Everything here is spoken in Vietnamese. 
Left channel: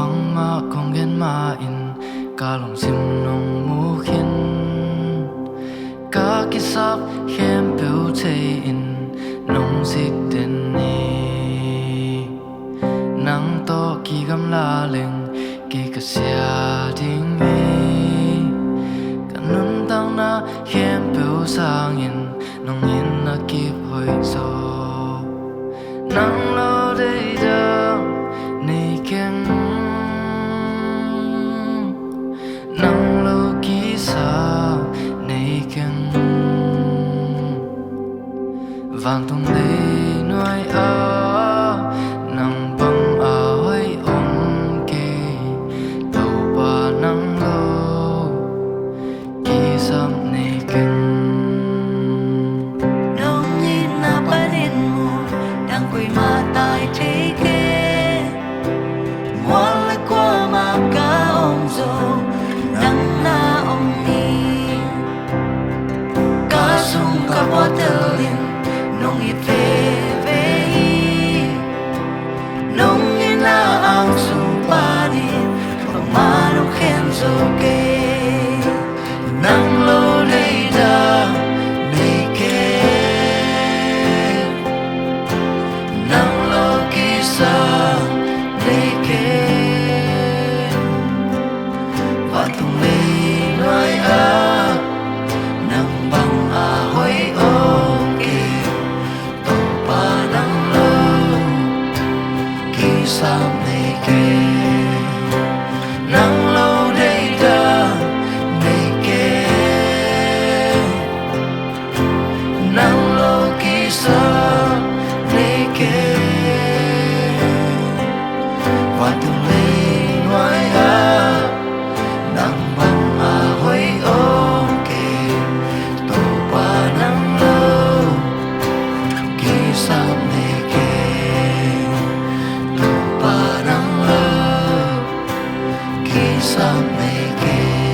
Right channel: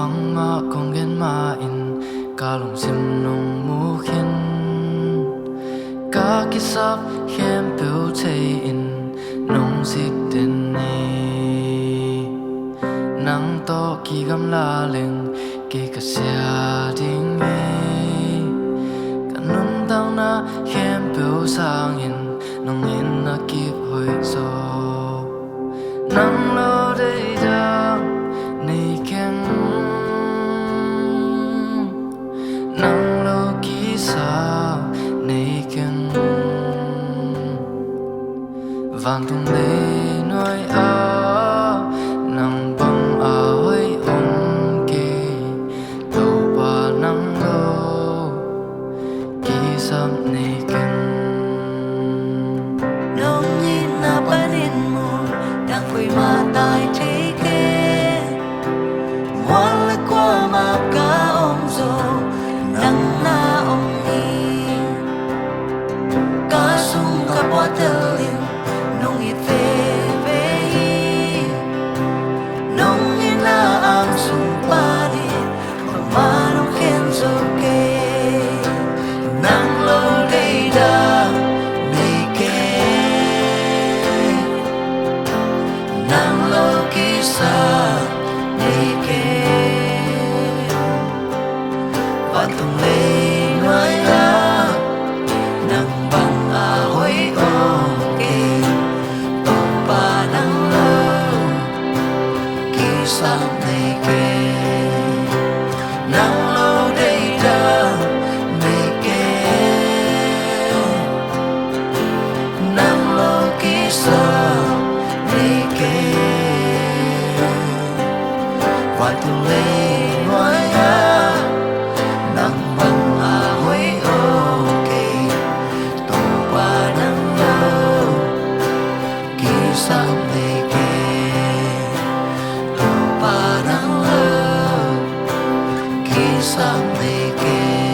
bang ma kong gen ma in kalong sim nong mu khin ka kisap hem peu chei in nong sik den ni nang to ki gam la leng ki ka sia ding me kanun tang na hem peu sang in nong in na kip hoi so nang lo dei dang nei ken nang lo ki sa nei ken van tung le noi a nang bang a hoi om ke to ba nang lo ki sam nei ken nong ni na panin mo đang quỳ mà tai thế kê ngoan lại qua mà cả ông dô nắng na ông ni cá sung cá bó tơ linh nông ít về về nông như na ang sung ba đi bằng má nông khen dô kê nắng lô đây đã mê kê nang lo kisa nei ken van tung le noi a nang bang a hoi o ke to pa nang lo kisa nei ken nang lo dei da nei ken nang lo kisa nei ken van tung le noi a nang bang a hoi o ke to pa nang lo ki sam nei ken to pa nang lo ki sam nei ken